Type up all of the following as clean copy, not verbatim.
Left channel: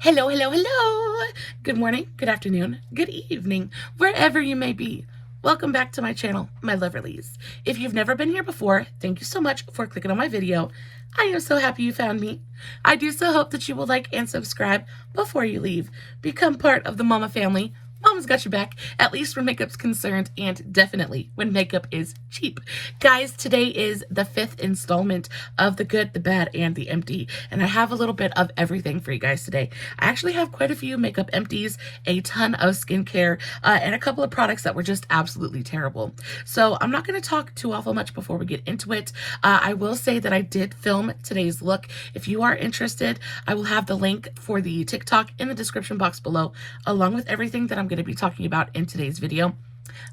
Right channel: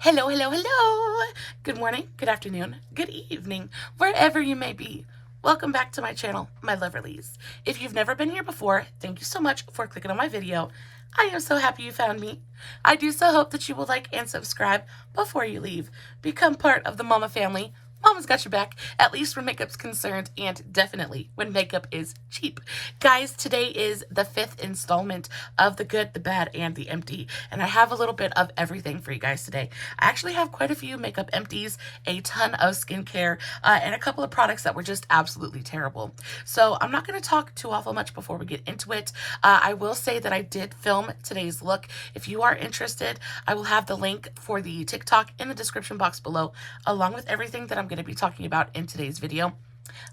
Hello, hello, hello. Good morning, good afternoon, good evening, wherever you may be. Welcome back to my channel, my loverlies. If you've never been here before, thank you so much for clicking on my video. I am so happy you found me. I do so hope that you will like and subscribe before you leave. Become part of the Mama family. Mama's got your back, at least when makeup's concerned, and definitely when makeup is cheap. Guys, today is the 5th installment of the good, the bad, and the empty, and I have a little bit of everything for you guys today. I actually have quite a few makeup empties, a ton of skincare, and a couple of products that were just absolutely terrible. So I'm not going to talk too awful much before we get into it. I will say that I did film today's look. If you are interested, I will have the link for the TikTok in the description box below, along with everything that I'm going to be talking about in today's video.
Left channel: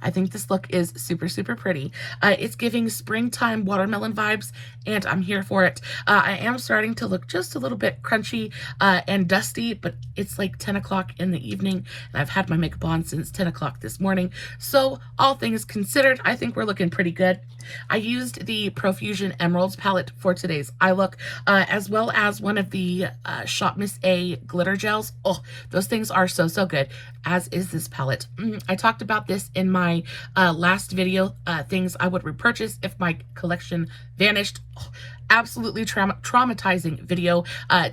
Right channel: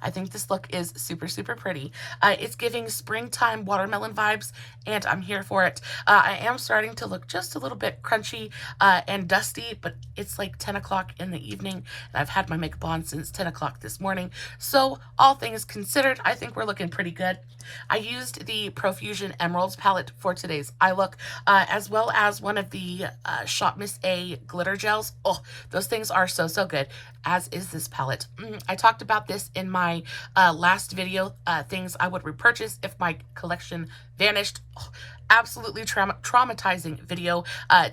I think this look is super, super pretty. It's giving springtime watermelon vibes, and I'm here for it. I am starting to look just a little bit crunchy and dusty, but it's like 10 o'clock in the evening, and I've had my makeup on since 10 o'clock this morning. So all things considered, I think we're looking pretty good. I used the Profusion Emeralds palette for today's eye look, as well as one of the Shop Miss A glitter gels. Oh, those things are so, so good, as is this palette. I talked about this in my last video, things I would repurchase if my collection vanished. Oh, absolutely traumatizing video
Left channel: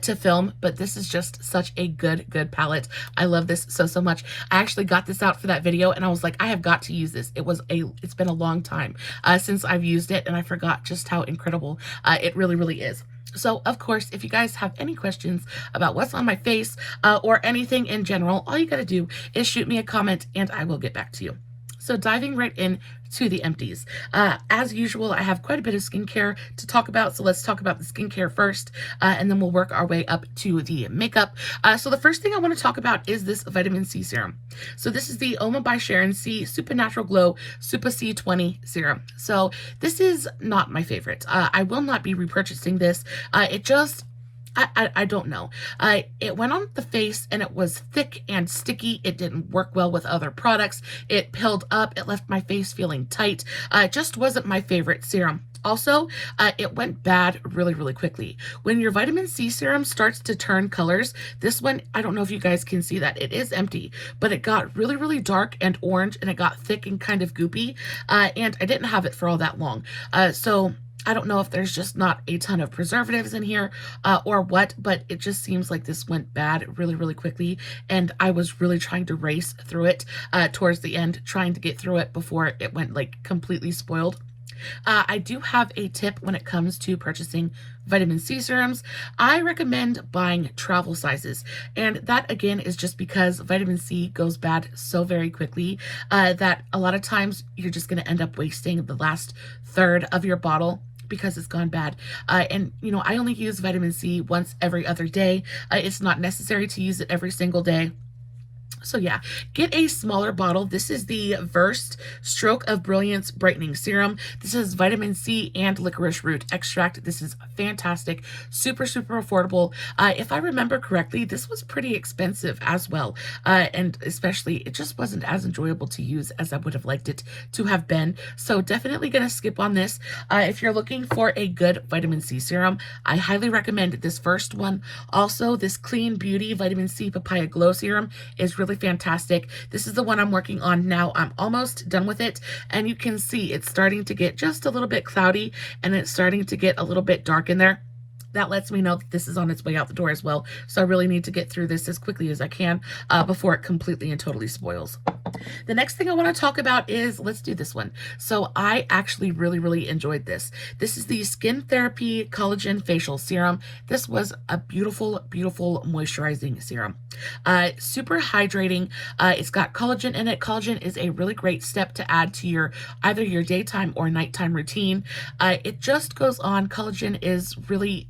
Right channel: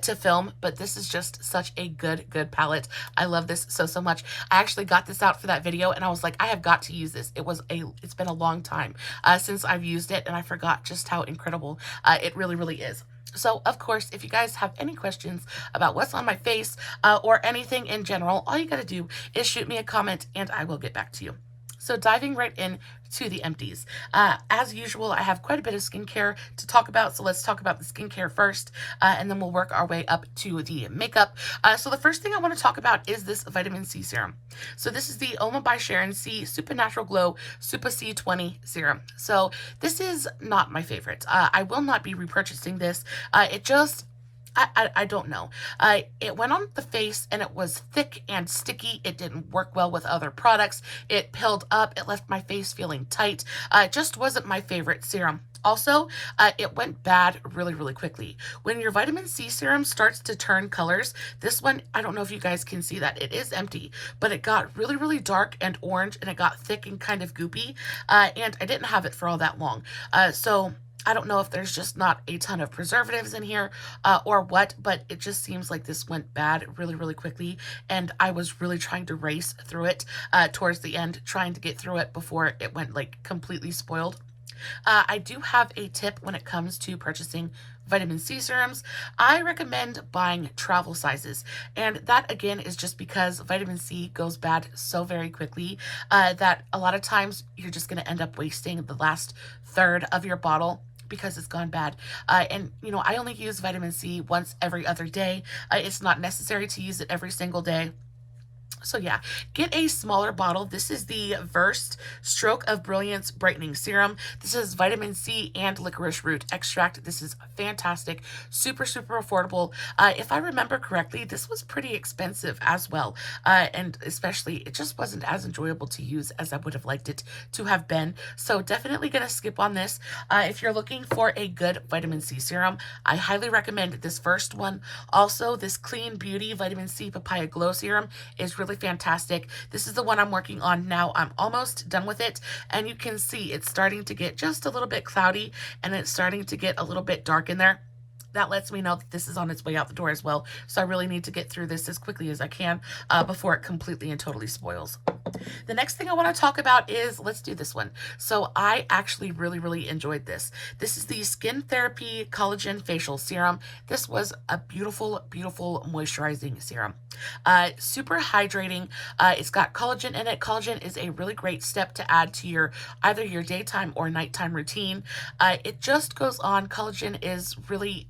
to film, but this is just such a good palette. I love this so, so much. I actually got this out for that video, and I was like, I have got to use this. It's been a long time since I've used it, and I forgot just how incredible it really is. So, of course, if you guys have any questions about what's on my face or anything in general, all you got to do is shoot me a comment and I will get back to you. So diving right in to the empties. As usual, I have quite a bit of skincare to talk about, so let's talk about the skincare first, and then we'll work our way up to the makeup. So the first thing I want to talk about is this vitamin C serum. So this is the Uoma by Sharon C Supernatural Glow Super C20 serum. So this is not my favorite. I will not be repurchasing this. I don't know. It went on the face and it was thick and sticky. It didn't work well with other products. It pilled up. It left my face feeling tight. It just wasn't my favorite serum. Also, it went bad really quickly. When your vitamin C serum starts to turn colors, this one, I don't know if you guys can see that. It is empty, but it got really dark and orange, and it got thick and kind of goopy, and I didn't have it for all that long. So I don't know if there's just not a ton of preservatives in here or what, but it just seems like this went bad really quickly, and I was really trying to race through it towards the end, trying to get through it before it went like completely spoiled. I do have a tip when it comes to purchasing vitamin C serums. I recommend buying travel sizes, and that again is just because vitamin C goes bad so very quickly that a lot of times you're just going to end up wasting the last third of your bottle because it's gone bad. And you know, I only use vitamin C once every other day. It's not necessary to use it every single day. So yeah, get a smaller bottle. This is the Versed Stroke of Brilliance Brightening Serum. This is vitamin C and licorice root extract. This is fantastic, super affordable. If I remember correctly, this was pretty expensive as well. And especially, it just wasn't as enjoyable to use as I would have liked it to have been. So definitely gonna skip on this. If you're looking for a good vitamin C serum, I highly recommend this first one. Also, this Clean Beauty Vitamin C Papaya Glow Serum is really fantastic. This is the one I'm working on now. I'm almost done with it, and you can see it's starting to get just a little bit cloudy, and it's starting to get a little bit dark in there. That lets me know that this is on its way out the door as well. So I really need to get through this as quickly as I can before it completely and totally spoils. The next thing I want to talk about is, let's do this one. So I actually really enjoyed this. This is the Skin Therapy Collagen Facial Serum. This was a beautiful moisturizing serum. Super hydrating. It's got collagen in it. Collagen is a really great step to add to your either your daytime or nighttime routine. It just goes on. Collagen is really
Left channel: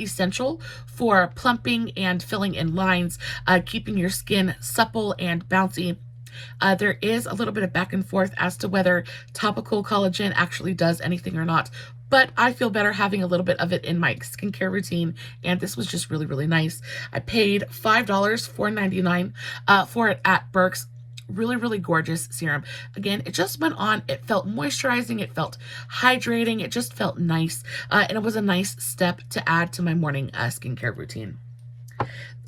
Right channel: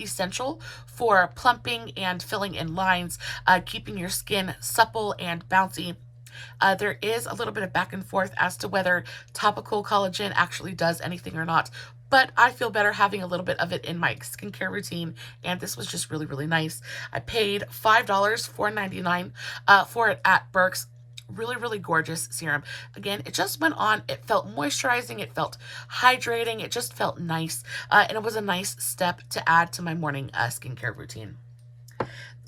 essential for plumping and filling in lines, keeping your skin supple and bouncy. There is a little bit of back and forth as to whether topical collagen actually does anything or not, but I feel better having a little bit of it in my skincare routine, and this was just really nice. I paid $5, $4.99 for it at Burke's. Really gorgeous serum. Again, it just went on. It felt moisturizing. It felt hydrating. It just felt nice. And it was a nice step to add to my morning skincare routine.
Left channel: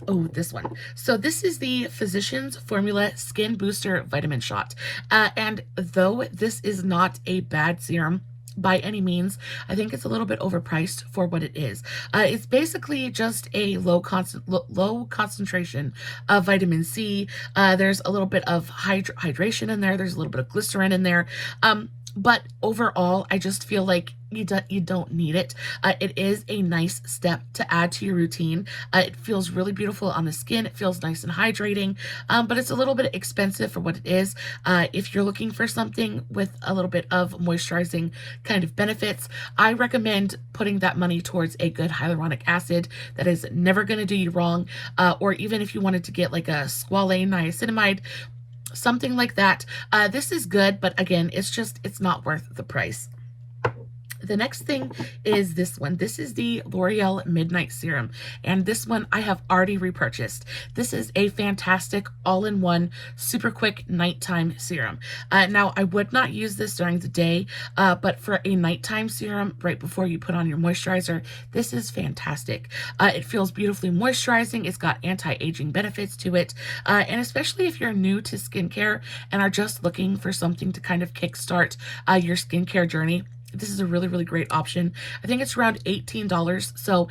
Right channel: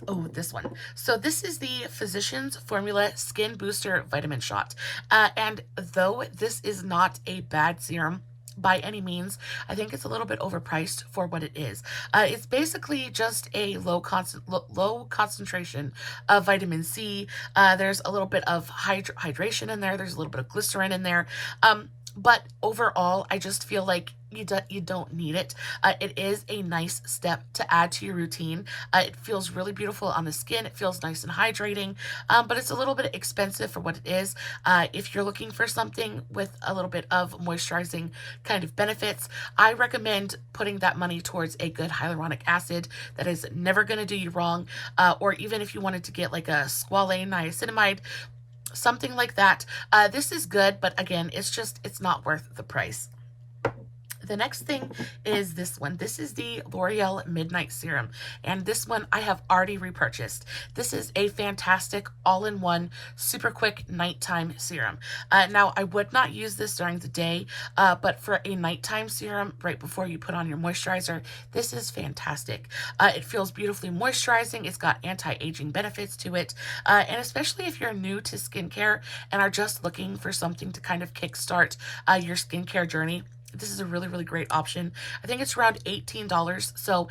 Oh, this one. So this is the Physicians Formula Skin Booster Vitamin Shot. And though this is not a bad serum by any means, I think it's a little bit overpriced for what it is. It's basically just a low concentration of vitamin C. There's a little bit of hydration in there. There's a little bit of glycerin in there. But overall, I just feel like you don't need it. It is a nice step to add to your routine. It feels really beautiful on the skin. It feels nice and hydrating, but it's a little bit expensive for what it is. If you're looking for something with a little bit of moisturizing kind of benefits, I recommend putting that money towards a good hyaluronic acid that is never going to do you wrong, or even if you wanted to get like a squalane niacinamide, something like that. This is good, but again, it's not worth the price. The next thing is this one. This is the L'Oreal Midnight Serum, and this one I have already repurchased. This is a fantastic all-in-one super quick nighttime serum. Now, I would not use this during the day, but for a nighttime serum right before you put on your moisturizer, this is fantastic. It feels beautifully moisturizing. It's got anti-aging benefits to it, and especially if you're new to skincare and are just looking for something to kind of kickstart your skincare journey, this is a really, really great option. I think it's around $18, so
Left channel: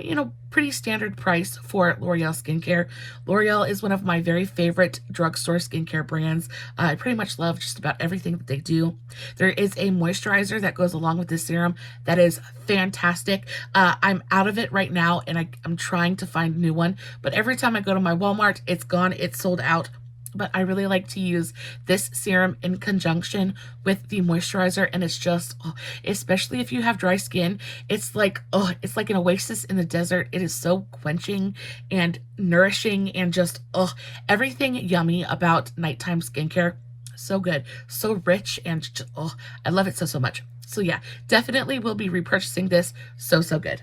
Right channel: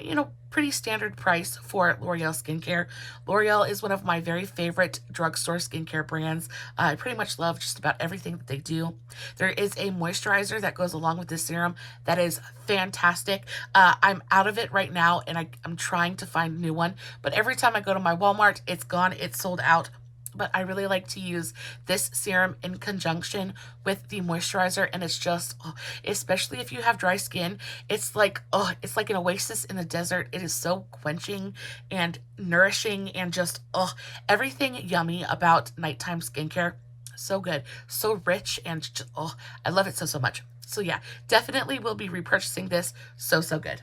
you know, pretty standard price for L'Oreal skincare. L'Oreal is one of my very favorite drugstore skincare brands. I pretty much love just about everything that they do. There is a moisturizer that goes along with this serum that is fantastic. I'm out of it right now, and I'm trying to find a new one, but every time I go to my Walmart, it's gone, it's sold out. But I really like to use this serum in conjunction with the moisturizer, and it's just, especially if you have dry skin, it's like an oasis in the desert. It is so quenching and nourishing and just, everything yummy about nighttime skincare. So good, so rich, and just, I love it so much. So yeah, definitely will be repurchasing this. So good.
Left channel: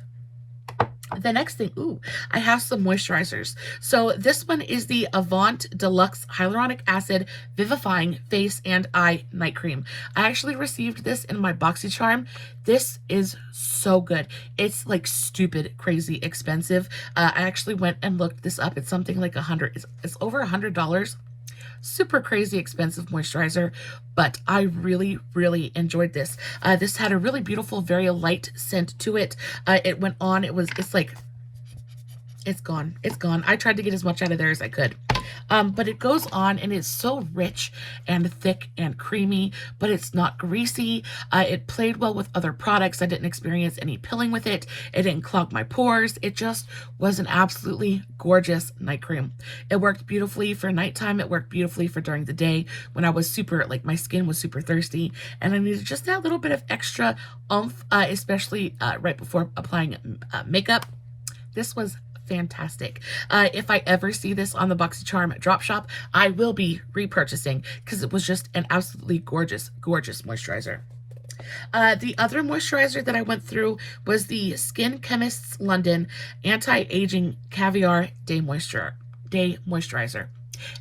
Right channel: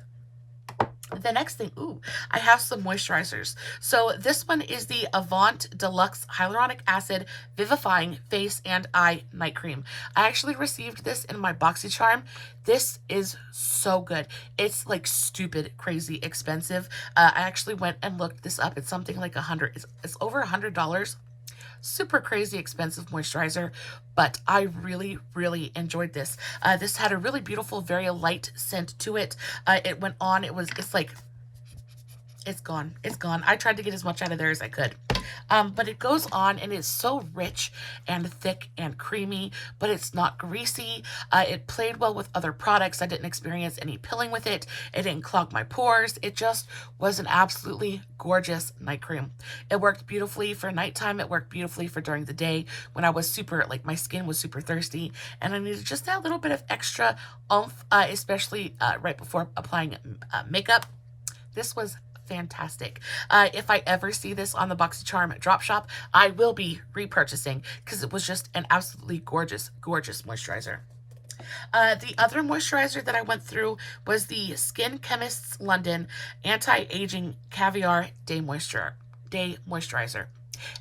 The next thing, I have some moisturizers. So this one is the Avant Deluxe Hyaluronic Acid Vivifying Face and Eye Night Cream. I actually received this in my BoxyCharm. This is so good. It's like stupid, crazy expensive. I actually went and looked this up. It's something like it's over $100. Super crazy expensive moisturizer, but I really, really enjoyed this. This had a really beautiful, very light scent to it. It went on, it's gone. It's gone. I tried to get as much out of there as I could. But it goes on and it's so rich and thick and creamy, but it's not greasy. It played well with other products. I didn't experience any pilling with it. It didn't clog my pores. It just was an absolutely gorgeous night cream. It worked beautifully for nighttime. It worked beautifully for during the day when I was my skin was super thirsty and I needed just that little bit of extra oomph, especially right before applying makeup. This was fantastic. If I ever see this on the BoxyCharm drop shop, I will be repurchasing because it was just an absolutely gorgeous, gorgeous moisturizer. The other moisturizer that I went through was the Chemists London Anti-Aging Caviar Day Moisturizer.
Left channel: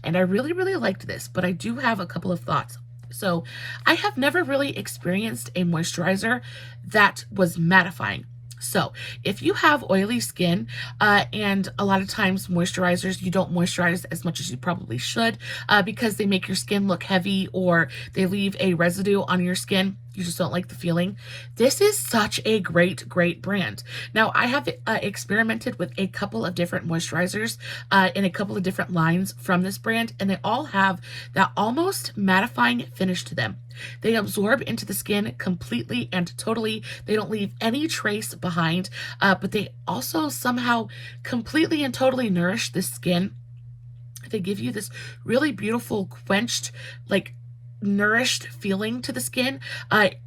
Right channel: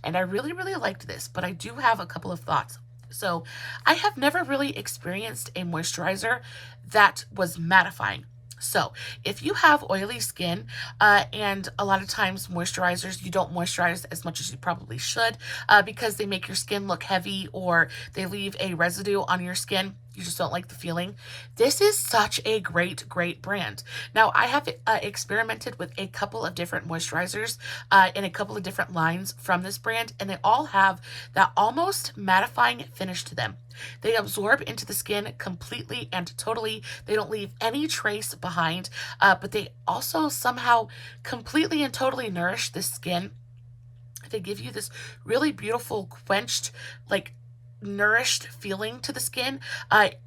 And I really, really liked this, but I do have a couple of thoughts. So I have never really experienced a moisturizer that was mattifying. So if you have oily skin, and a lot of times moisturizers, you don't moisturize as much as you probably should, because they make your skin look heavy or they leave a residue on your skin. You just don't like the feeling. This is such a great, great brand. Now, I have experimented with a couple of different moisturizers in a couple of different lines from this brand, and they all have that almost mattifying finish to them. They absorb into the skin completely and totally. They don't leave any trace behind, but they also somehow completely and totally nourish the skin. They give you this really beautiful, quenched, like, nourished feeling to the skin.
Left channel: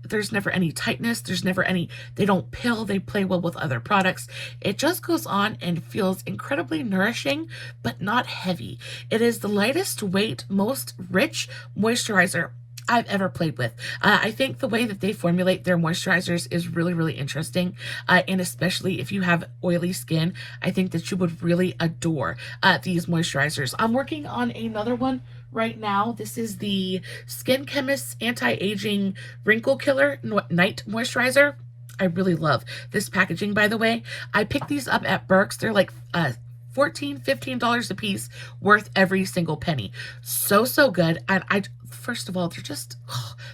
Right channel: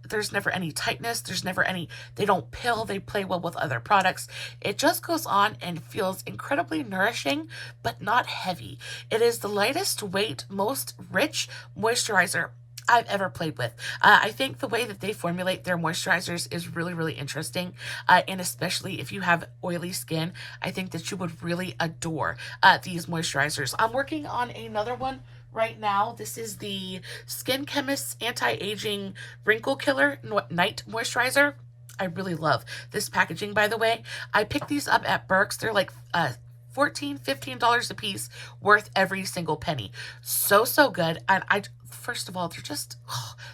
There's never any tightness. They don't pill. They play well with other products. It just goes on and feels incredibly nourishing, but not heavy. It is the lightest weight, most rich moisturizer I've ever played with. I think the way that they formulate their moisturizers is really, really interesting. And especially if you have oily skin, I think that you would really adore these moisturizers. I'm working on another one right now. This is the Skin Chemists Anti-Aging Wrinkle Killer Night Moisturizer. I really love this packaging, by the way. I picked these up at Burke's. They're like $14, $15 a piece, worth every single penny. So good. And first of all,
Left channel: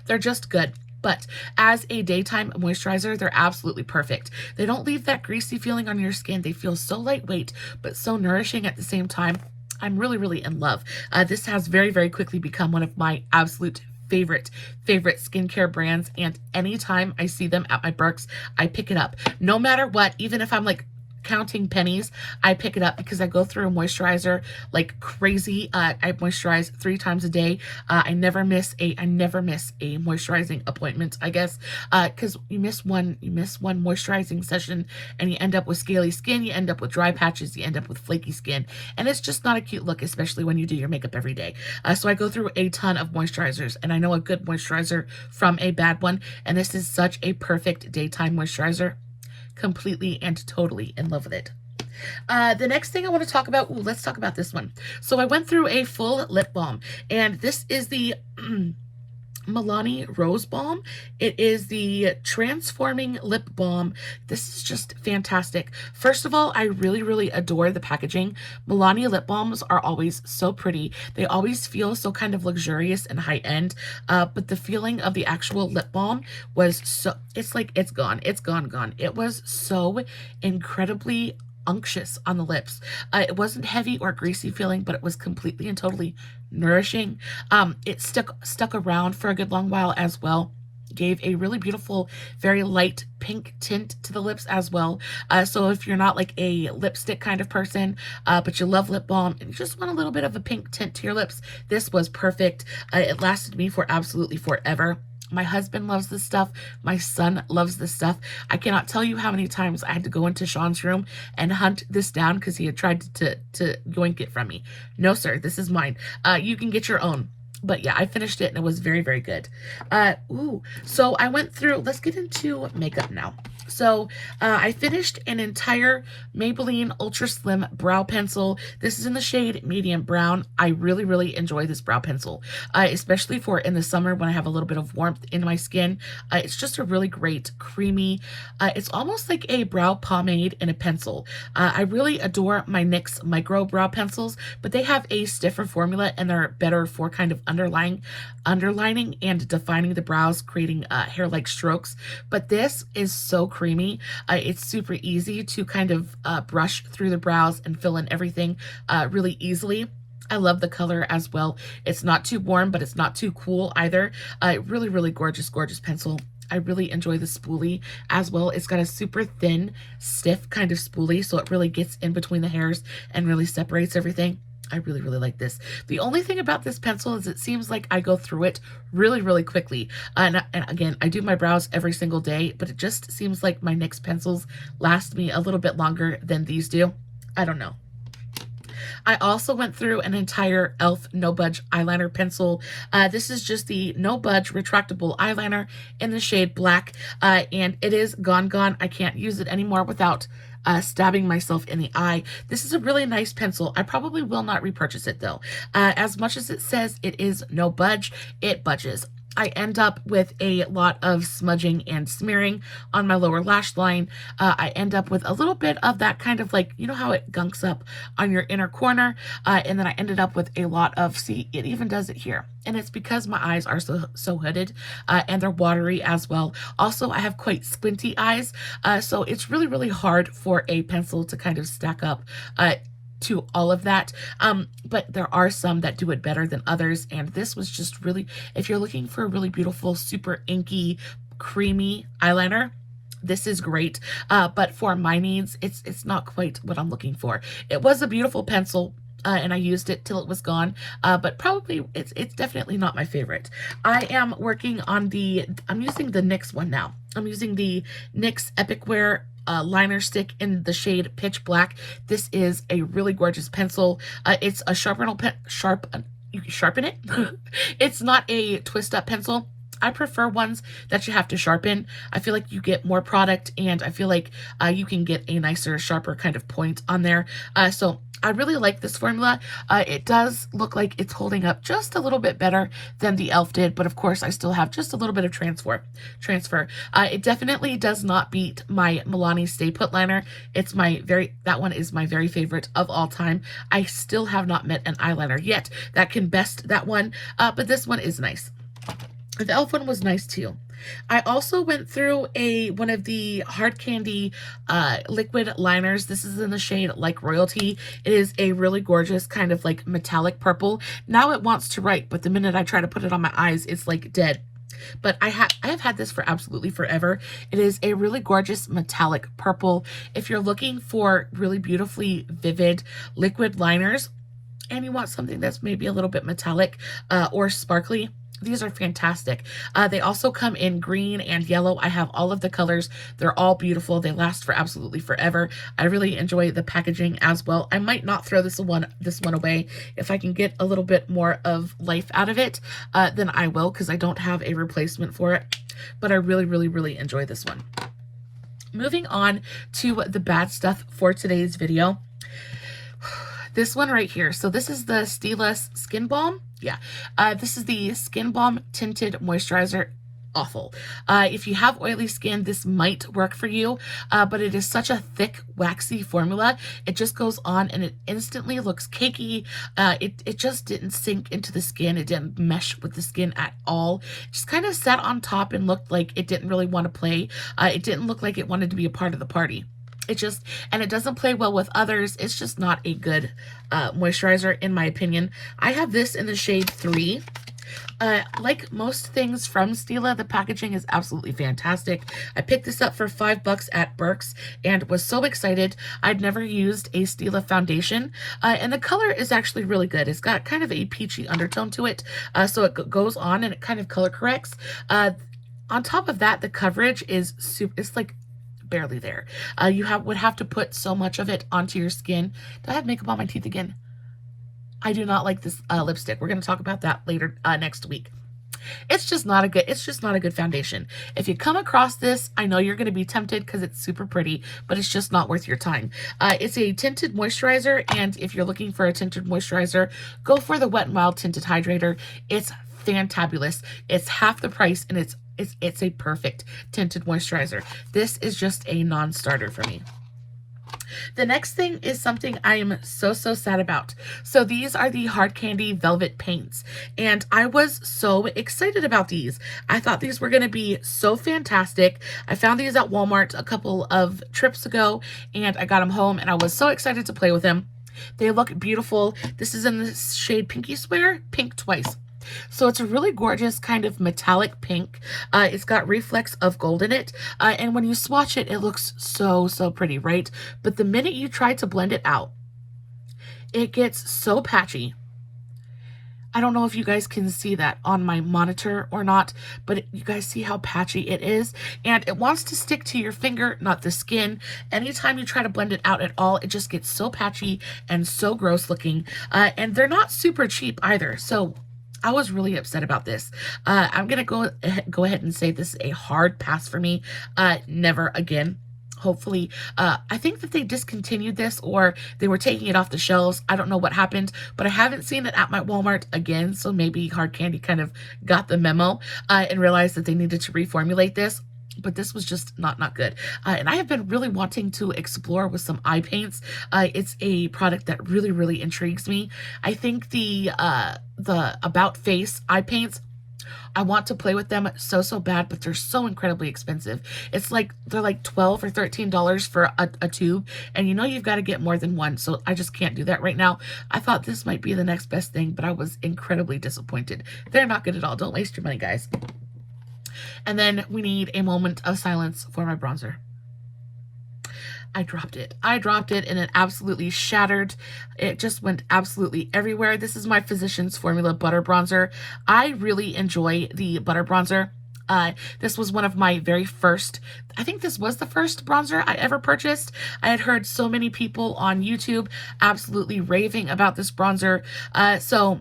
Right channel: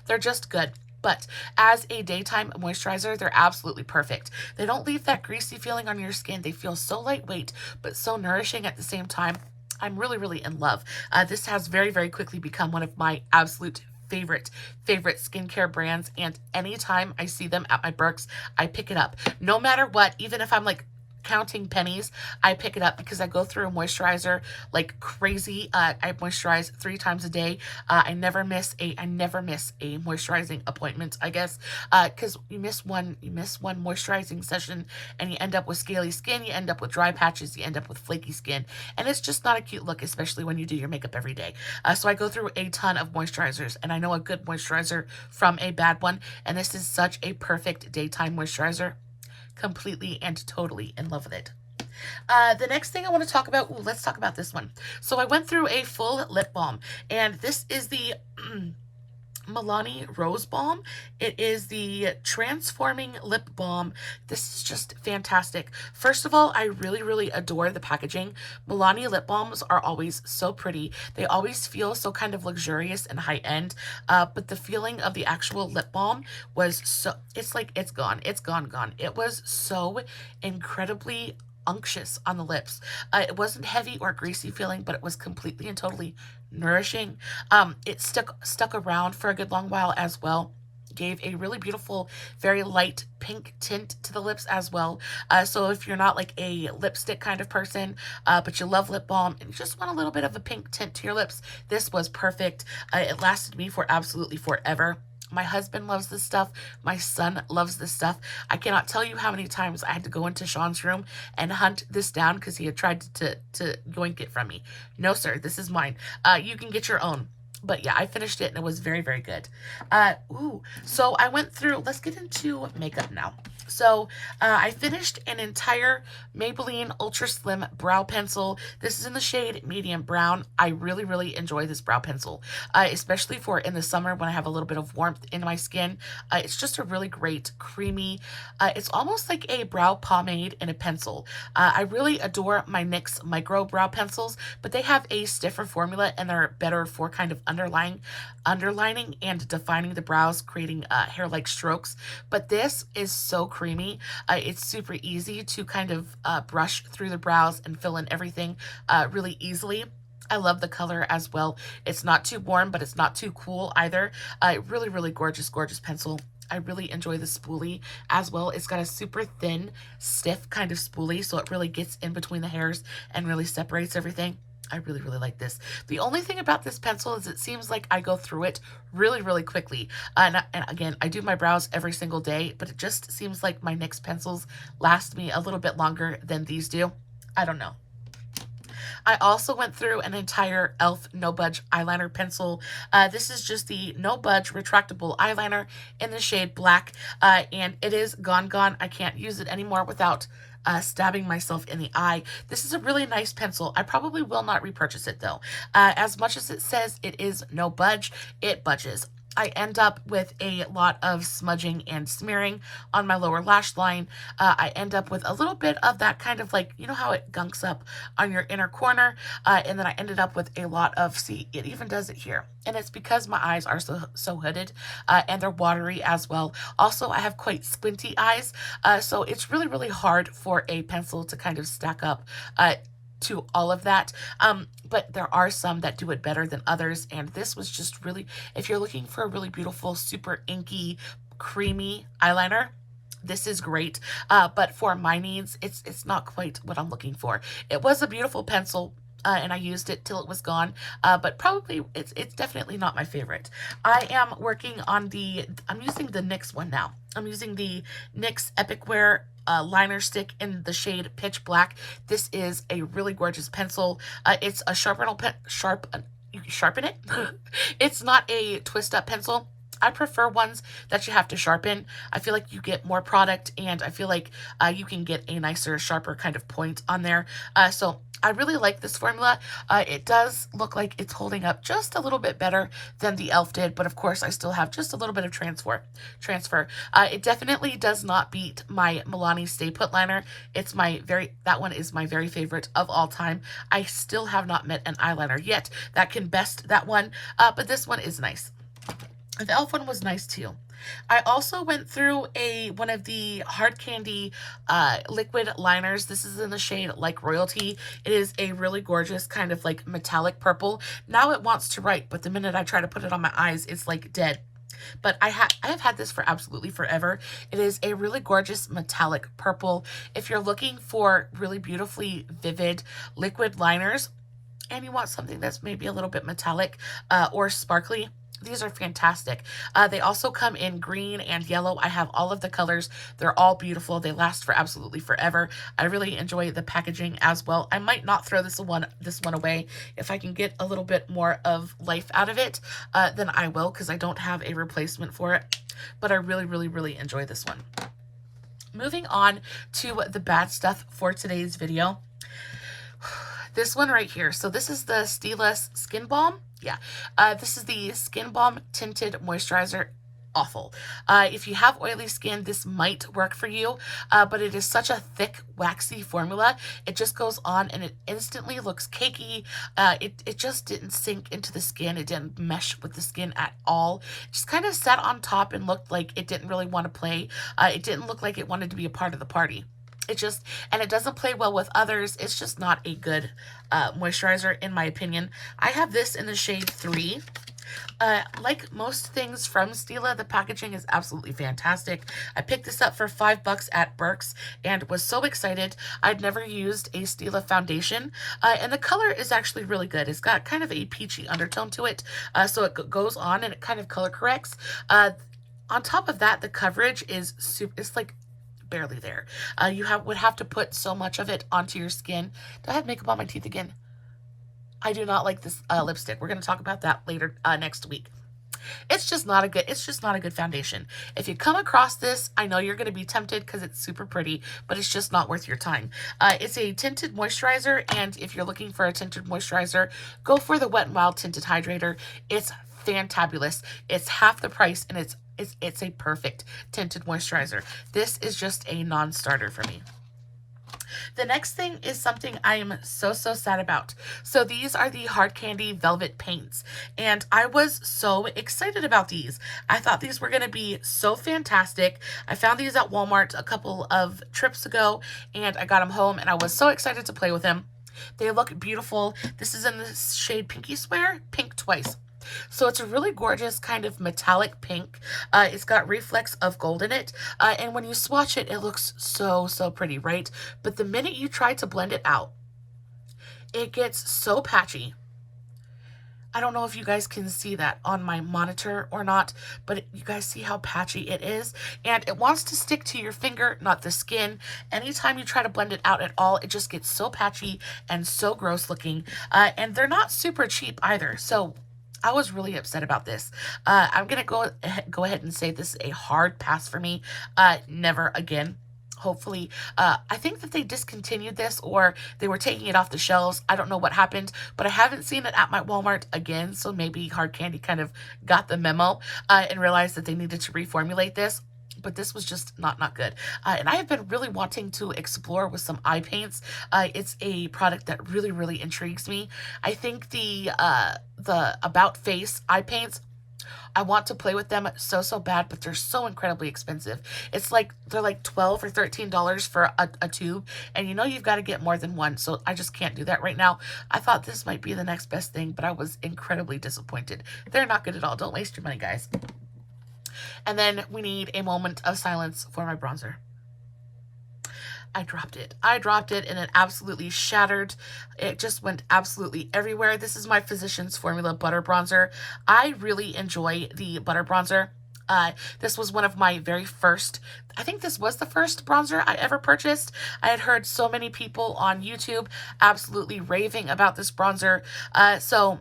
they're just good. But as a daytime moisturizer, they're absolutely perfect. They don't leave that greasy feeling on your skin. They feel so lightweight, but so nourishing at the same time. I'm really in love. This has very quickly become one of my absolute favorite skincare brands, and anytime I see them at my Burks, I pick it up. No matter what, even if I'm like counting pennies, I pick it up because I go through a moisturizer like crazy. I moisturize 3 times a day. I never miss a moisturizing appointment, I guess, because you miss one moisturizing session and you end up with scaly skin, you end up with dry patches, you end up with flaky skin, and it's just not a cute look, especially when you do your makeup every day. So I go through a ton of moisturizers, and I know a good moisturizer from a bad one, and this is such a perfect daytime moisturizer. Completely and totally in love with it. The next thing I want to talk about, let's talk about this one. So I went through a full lip balm, and this is the Milani Rose Balm. It is the Transforming Lip Balm. This is just fantastic. First of all, I really adore the packaging. Milani lip balms are always so pretty. They always feel so kind of luxurious and high-end, but the feeling of the actual lip balm was so, it's like it's gone. It was so incredibly unctuous on the lips. It wasn't heavy or greasy feeling, but it was completely and totally nourishing. It stuck around for a good long while as well. Gave a really beautiful, very light pink tint to the lips as well. So if you're not like a lipstick kind of person, but you love lip balm and you just want a little bit of a pink tint to your lips, this was perfect. It lasted me for absolutely forever. My husband loves this stuff. My son loves this stuff. I cannot tell you how many times I had to go into Sean's room and hunt this down because he had tried to yoink it from me. No, sir, this is mine. You can get your own. But yeah, I finished it and it was very good. So I went through, let's get into makeup now. So I finished an entire Maybelline Ultra Slim brow pencil. This is in the shade medium brown. I really enjoy this brow pencil, especially for in the summer when I have a little bit of warmth in my skin. It's just a really great creamy, it's almost like a brow pomade in a pencil. I really adore my NYX micro brow pencils, but they have a stiffer formula and they're better for kind of underlining and defining the brows, creating hair-like strokes. But this is so creamy. It's super easy to kind of brush through the brows and fill in everything really easily. I love the color as well. It's not too warm, but it's not too cool either. Really gorgeous pencil. I really enjoy the spoolie as well. It's got a super thin, stiff kind of spoolie, so it really gets in between the hairs and really separates everything. I really like this. The only thing about this pencil is it seems like I go through it really quickly. And again, I do my brows every single day, but it just seems like my NYX pencils last me a little bit longer than these do. I don't know. I also went through an entire e.l.f. No Budge Eyeliner pencil. This is just the No Budge retractable eyeliner in the shade black, and it is gone. I can't use it anymore without stabbing myself in the eye. This is a really nice pencil. I probably will not repurchase it though. As much as it says it is no budge, it budges. I end up with a lot of smudging and smearing on my lower lash line. I end up with a little bit of that kind of like, you know how it gunks up on your inner corner? And then I ended up with a lot of, see, it even does it here. And it's because my eyes are so hooded and they're watery as well. Also, I have quite squinty eyes. So it's really hard for a pencil to kind of stack up to all of that, but there are some that do it better than others, and this was just really, if you're looking for a really beautiful, super inky, creamy eyeliner, this is great, but for my needs, it's not quite what I'm looking for. It was a beautiful pencil, and I used it till it was gone, but probably it's definitely not my favorite. I am working on I'm using the NYX one now. I'm using the NYX Epic Wear liner stick in the shade Pitch Black. This is a really gorgeous pencil. It's a you sharpen it. It's not a twist up pencil. I prefer ones that you have to sharpen. I feel like you get more product, and I feel like you can get a nicer, sharper kind of point on there. So I really like this formula. It does look like it's holding up just a little bit better than the e.l.f. did, but of course I still have just a little bit of transfer. It definitely does not beat my Milani Stay Put liner. That one is my very favorite of all time. I still have not met an eyeliner yet that can best that one, but this one is nice. The e.l.f. one was nice too. I also went through one of the Hard Candy liquid liners. This is in the shade Like Royalty. It is a really gorgeous kind of like metallic purple. Now it wants to write, but the minute I try to put it on my eyes, it's like dead. But I have had this for absolutely forever. It is a really gorgeous metallic purple. If you're looking for really beautifully vivid liquid liners and you want something that's maybe a little bit metallic or sparkly, these are fantastic. They also come in green and yellow. I have all of the colors. They're all beautiful. They last for absolutely forever. I really enjoy the packaging as well. I might not throw this one away. If I can get a little bit more of life out of it, then I will, because I don't have a replacement for it. But I really, really, really enjoy this one. Moving on to the bad stuff for today's video. This one right here. So this is the Stila Skin Balm. Yeah, this is the Skin Balm Tinted Moisturizer. Awful. If you have oily skin, this might work for you, but it is such a thick, waxy formula. It just goes on and it instantly looks cakey. It just didn't sink into the skin. It didn't mesh with the skin at all. It just kind of sat on top and looked like it didn't really want to play. It didn't look like it wanted to be a part of the party. And it doesn't play well with others. It's just not a good moisturizer, in my opinion. I have this in the shade 3. Like most things from Stila, the packaging is absolutely fantastic. I picked this up for $5 at Burke's and was so excited. I'd never used a Stila foundation, and the color is actually really good. It's got kind of a peachy undertone to it, so it goes on and it kind of color corrects. On top of that, the coverage is it's like barely there. You would have to put so much of it onto your skin. Do I have makeup on my teeth again? I do not like this lipstick. We're going to talk about that later next week. It's just not a good foundation. If you come across this, I know you're going to be tempted because it's super pretty, but it's just not worth your time. It's a tinted moisturizer, and if you're looking for a tinted moisturizer, go for the Wet n Wild Tinted Hydrator. It's fantabulous. It's half the price, and it's a perfect tinted moisturizer. This is just a non-starter for me. The next thing is something I am so sad about. So these are the Hard Candy Velvet Paints, and I was so excited about these. I thought these were going to be so fantastic. I found these at Walmart a couple of trips ago, and I got them home, and I was so excited to play with them. They look beautiful. This is in the shade Pinky Swear, Pink Twice. So it's a really gorgeous kind of metallic pink. It's got reflex of gold in it. And when you swatch it, it looks so pretty, right? But the minute you try to blend it out, it gets so patchy. I don't know if you guys can see that on my monitor or not, but you guys see how patchy it is, and it wants to stick to your finger, not the skin. Anytime you try to blend it out at all, it just gets so patchy and so gross looking. And they're not super cheap either, so I was really upset about this. I'm gonna go ahead and say this is a hard pass for me. Never again. Hopefully, I think that they discontinued this, or they were taking it off the shelves. I don't know what happened, but I haven't seen it at my Walmart again. So maybe Hard Candy kind of got the memo and realized that they needed to reformulate this. But this was just not good. And I have been really wanting to explore with some eye paints. It's a product that really intrigues me. I think the About Face eye paints, I want to play with them so bad, but they're so incredibly expensive. It's like they're like $12 or $13 for a tube, and you know you've got to get more than one, so I just can't do that right now. I thought this might be the next best thing, but I was incredibly disappointed. They're not good at all. Don't waste your money, guys. And then we need a moment of silence for my bronzer. I dropped it and it absolutely shattered. It just went absolutely everywhere. This is my Physicians Formula Butter Bronzer. I really enjoy the butter bronzer. This was one of my very first, I think this was the first bronzer I ever purchased. I had heard so many people on YouTube absolutely raving about this bronzer. So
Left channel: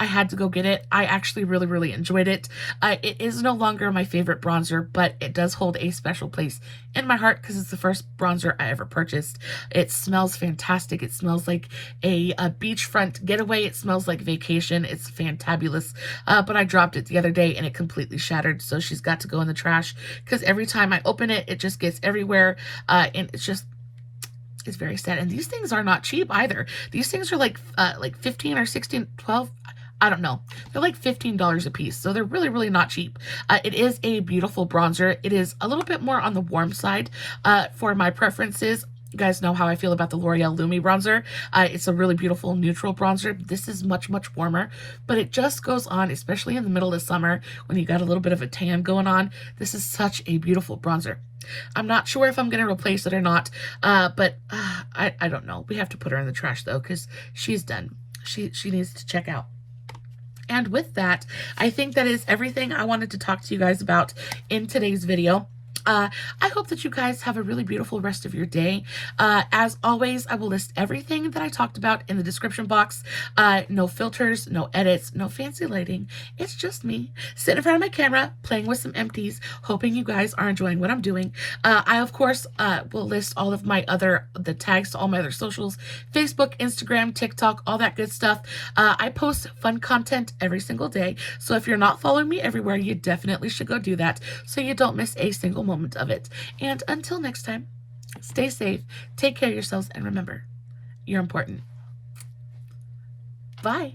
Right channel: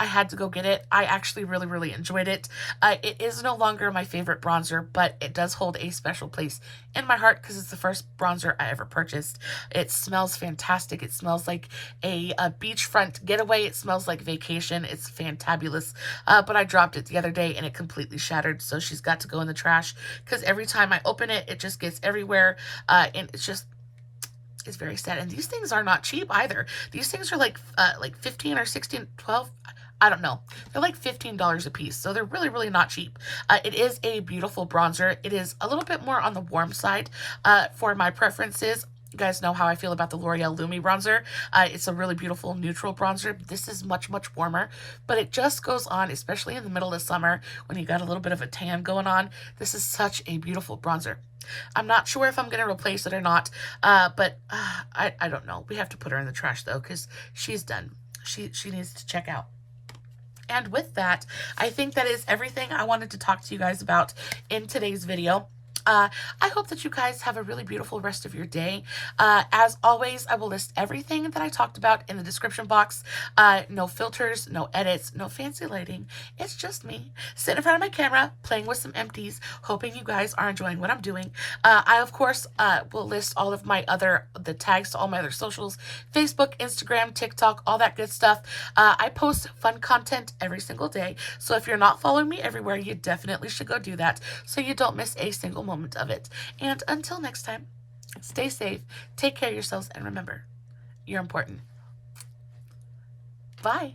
I had to go get it. I actually really enjoyed it. It is no longer my favorite bronzer, but it does hold a special place in my heart because it's the first bronzer I ever purchased. It smells fantastic. It smells like a beachfront getaway. It smells like vacation. It's fantabulous. But I dropped it the other day and it completely shattered, so she's got to go in the trash because every time I open it, it just gets everywhere, and it's very sad. And these things are not cheap either. These things are like 15 or 16, 12. I don't know. They're like $15 a piece, so they're really not cheap. It is a beautiful bronzer. It is a little bit more on the warm side for my preferences. You guys know how I feel about the L'Oreal Lumi bronzer. It's a really beautiful neutral bronzer. This is much warmer, but it just goes on, especially in the middle of summer when you got a little bit of a tan going on. This is such a beautiful bronzer. I'm not sure if I'm going to replace it or not, but I don't know. We have to put her in the trash though, because she's done. She needs to check out. And with that, I think that is everything I wanted to talk to you guys about in today's video. I hope that you guys have a really beautiful rest of your day. As always, I will list everything that I talked about in the description box. No filters, no edits, no fancy lighting. It's just me sitting in front of my camera, playing with some empties, hoping you guys are enjoying what I'm doing. I, of course, will list all of the tags to all my other socials, Facebook, Instagram, TikTok, all that good stuff. I post fun content every single day. So if you're not following me everywhere, you definitely should go do that so you don't miss a single moment of it. And until next time, stay safe, take care of yourselves, and remember, you're important. Bye.